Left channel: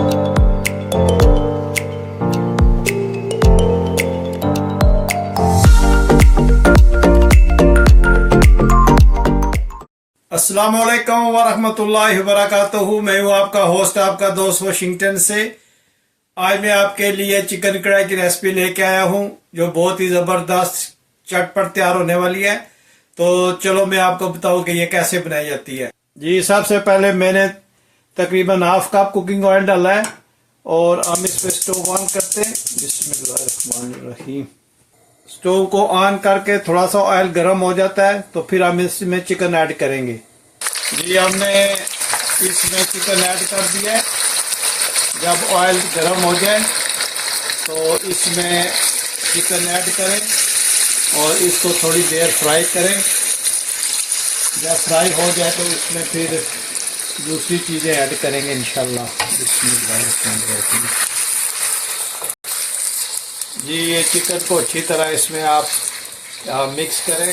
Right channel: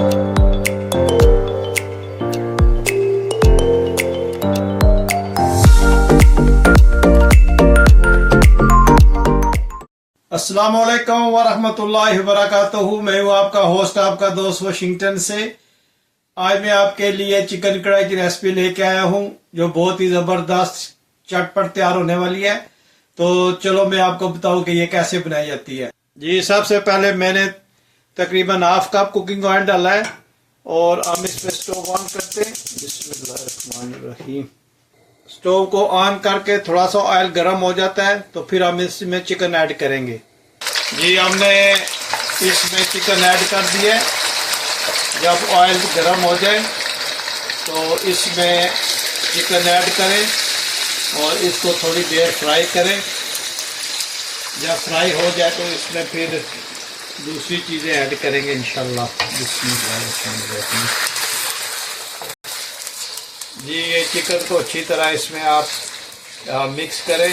अस्सलाम वालेकुम वरहमतुल्लाहि वबरकातुहू। मैं हूँ आपका होस्ट, आपका दोस्त वाशिंगटन से। आज मैं आपके लिए चिकन कढ़ाई की रेसिपी लेके आया हूँ जो बहुत ही ज़बरदस्त चटपट तैयार होने वाली है। तो चलो मैं आपको बताऊँ कि ये कैसे बनाई जाती है। जी, सबसे पहले मैंने तकरीबन हाफ कप कुकिंग ऑयल डाला है और हम इस पे स्टोव ऑन करते हैं। बिस्मिल्लाहिर्रहमानिर्रहीम। स्टोव को ऑन करके थोड़ा सा ऑयल गर्म हो जाता है तो फिर हम इसमें चिकन ऐड करेंगे। जी, हमने इसमें चिकन ऐड कर दिया। जब ऑयल गर्म हो जाए तो इसमें चिकन ऐड करें और इसको थोड़ी देर फ्राई करें। जब फ्राई हो जाए तो इसमें फिर दूसरी चीज़ें ऐड करेंगे इंशाल्लाह। जी, ये चिकन को अच्छी तरह इसमें आप मिक्स करें।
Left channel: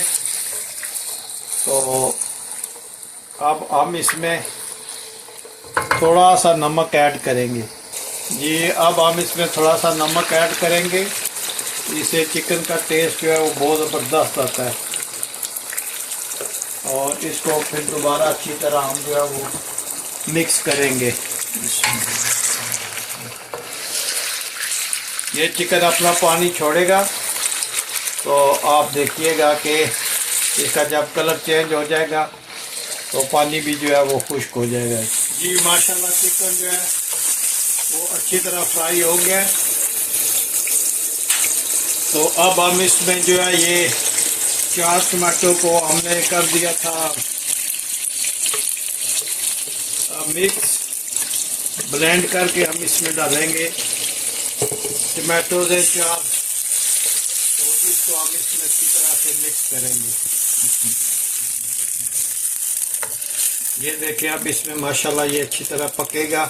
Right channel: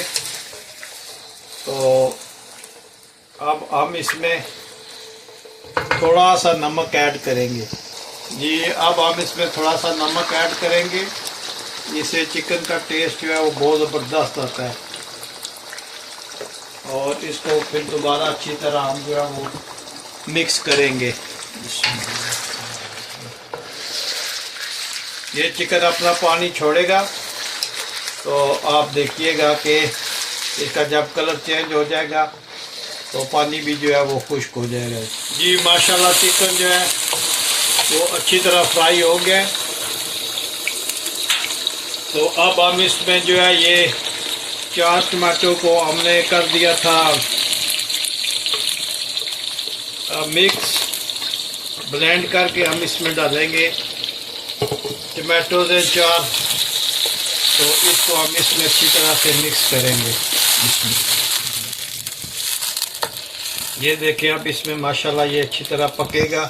तो अब हम इसमें थोड़ा सा नमक ऐड करेंगे। जी, अब हम इसमें थोड़ा सा नमक ऐड करेंगे। इससे चिकन का टेस्ट जो है वो बहुत ज़बरदस्त आता है। और इसको फिर दोबारा अच्छी तरह हम जो है वो मिक्स करेंगे। ये चिकन अपना पानी छोड़ेगा तो आप देखिएगा कि इसका जब कलर चेंज हो जाएगा तो पानी भी जो है वो खुश्क हो जाएगा। जी, माशाल्लाह चिकन जो है वो अच्छी तरह फ्राई हो गया है। तो अब हम इसमें जो है ये 4 टमाटो को हमने कर दिया था मिक्स, ब्लेंड करके हम इसमें डालेंगे टमाटोज हैं 4। तो इसको हम इसमें अच्छी तरह से मिक्स करेंगे। ये देखिए, अब इसमें माशाल्लाह ये अच्छी तरह पकेगा।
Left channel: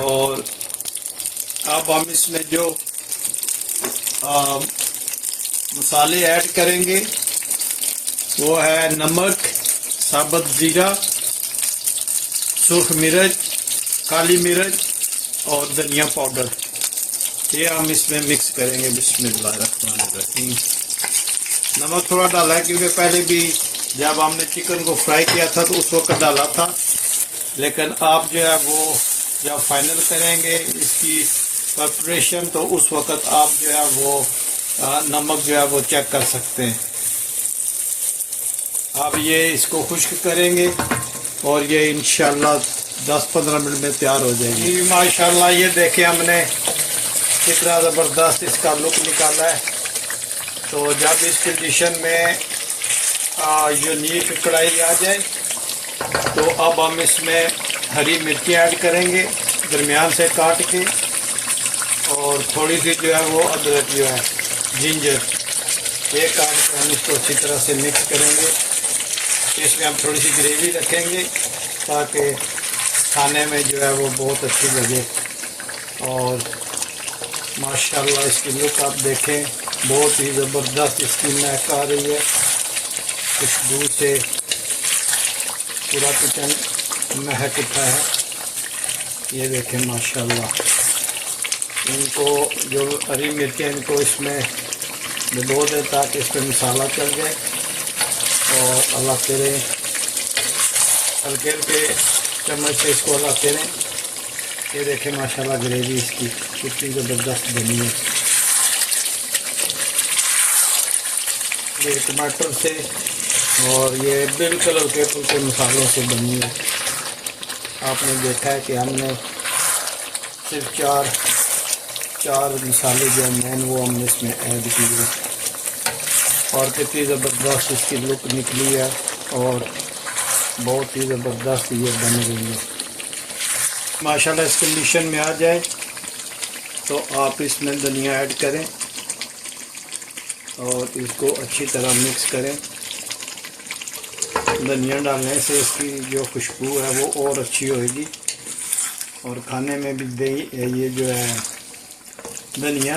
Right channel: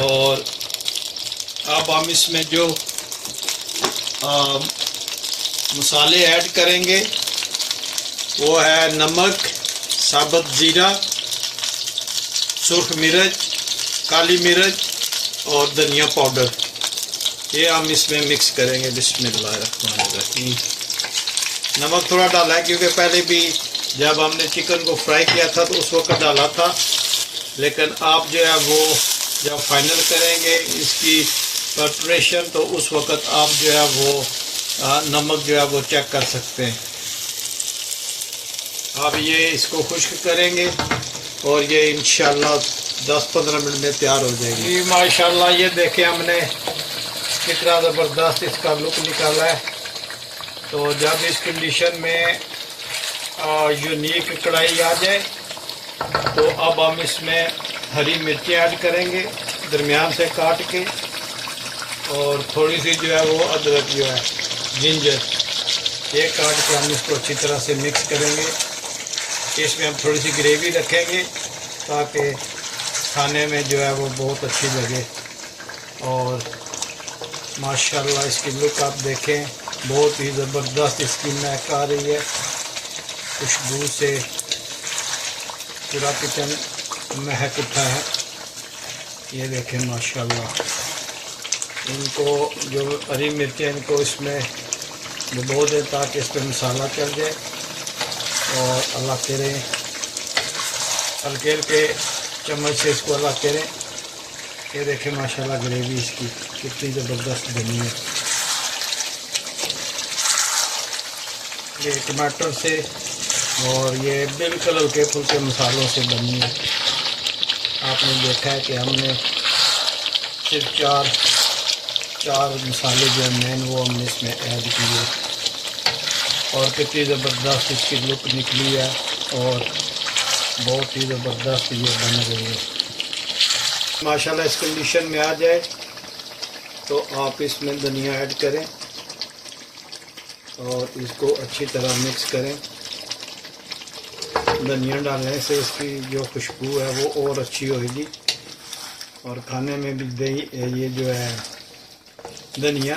और अब हम इसमें जो मसाले ऐड करेंगे वो है नमक, साबुत ज़ीरा, सुर्ख मिर्च, काली मिर्च और धनिया पाउडर। ये हम इसमें मिक्स करेंगे। बिस्मिल्लाहिर्रहमानिर्रहीम। नमक थोड़ा डाला है क्योंकि पहले भी जब हमने चिकन को फ्राई किया था तो उस वक्त डाला था, लेकिन आप जो है वो जब फाइनल करेंगे इसकी प्रिपरेशन तो उस वक्त आप जो है वो नमक जो है वो चेक कर सकते हैं। अब ये इसको खुश्क करेंगे और ये इंशाल्लाह 10-15 मिनट में तैयार हो जाएगी। माशाल्लाह ये देखें हमने कितना ज़बरदस्त इसका लुक निकाला है। तो जब इस कंडीशन में यूनिक कढ़ाई आ जाए तो अब हम इसमें हरी मिर्ची ऐड करेंगे दरमियान से काट के, और थोड़ी सी जो है वो अदरक जो है जिंजर ये काट के हम इसको अच्छी तरह से मिक्स करेंगे। इसमें हम थोड़ी सी ग्रेवी रखेंगे ताकि खाने में जो है वो बहुत अच्छी लगे। और माशाल्लाह इसकी लुक आप देखें, बहुत ही ज़बरदस्त इसकी महक आ रही है। खुशबू से पूरा किचन महक उठा है। ये देखें माशाल्लाह। इनको जो हरी मिर्चें इनको इसमें डुबो दें ताकि इस पर मसाला चल जाए और हलाते रहें, हल्के हल्के चम्मच से इसको हलाते रहें। ये देखें माशाल्लाह ग्रेवी इसकी कितनी ज़बरदस्त बनी है। ये टमाटर से और ये बिल्कुल हल्के फुल्के मसालों से बनी है। आपने देखा है कि हमने सिर्फ चार मसाले जो मेन वो हमने इसमें ऐड किए और कितनी ज़बरदस्त इसकी लुक निकली है और बहुत ही ज़बरदस्त ये बन रही है। माशाल्लाह इस कंडीशन में आ जाए तो आप इसमें धनिया ऐड करें और इसको अच्छी तरह मिक्स करें। धनिया डालने से इसकी जो खुशबू है वो और अच्छी होगी और खाने में भी ये जो है धनिया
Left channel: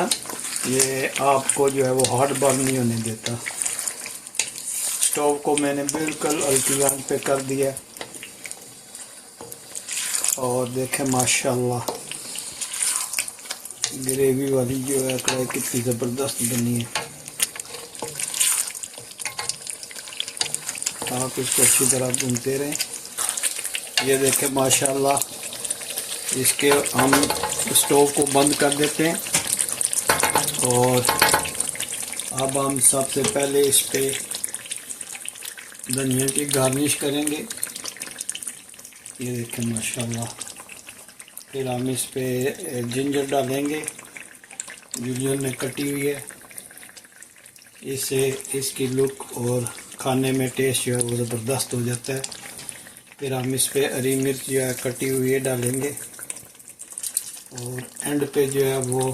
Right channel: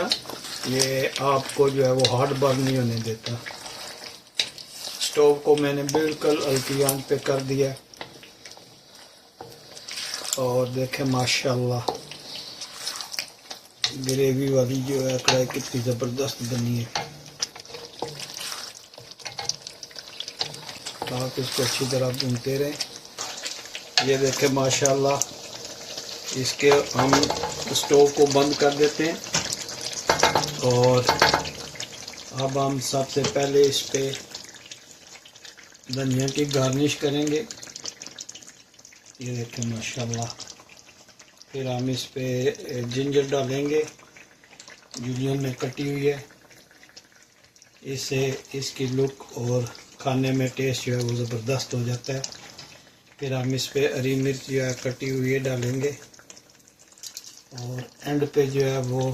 ये आपको जो है वो हार्ड बर्न नहीं होने देता। स्टोव को मैंने बिल्कुल हल्की आंच पे कर दिया और देखें माशाल्लाह ग्रेवी वाली जो है कढ़ाई कितनी ज़बरदस्त बनी है। आप इसको अच्छी तरह भूनते रहें। ये देखें माशाल्लाह, इसके हम स्टोव को बंद कर देते हैं और अब हम सबसे पहले इस पे धनिया की गार्निश करेंगे। ये देखें माशाल्लाह, फिर हम इस पे जिंजर डालेंगे, जिंजर में कटी हुई है। इससे इसकी लुक और खाने में टेस्ट जो है वो ज़बरदस्त हो जाता है। फिर हम इस पे हरी मिर्च जो है कटी हुई है डालेंगे और एंड पे जो है वो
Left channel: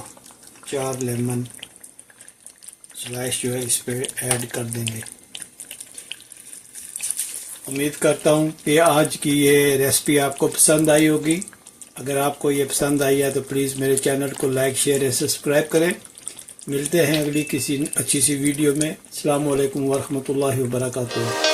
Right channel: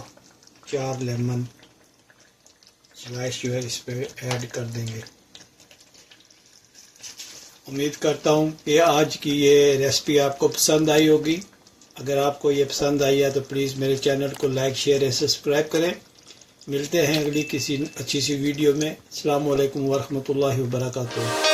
4 लेमन स्लाइस जो है इस पे ऐड कर देंगे। उम्मीद करता हूँ कि आज की ये रेसिपी आपको पसंद आई होगी। अगर आपको ये पसंद आई है तो प्लीज़ मेरे चैनल को लाइक शेयर और सब्सक्राइब करें। मिलते हैं अगली किसी अच्छी सी वीडियो में। अस्सलाम वालेकुम वरहमतुल्लाहि वबरकातुहू।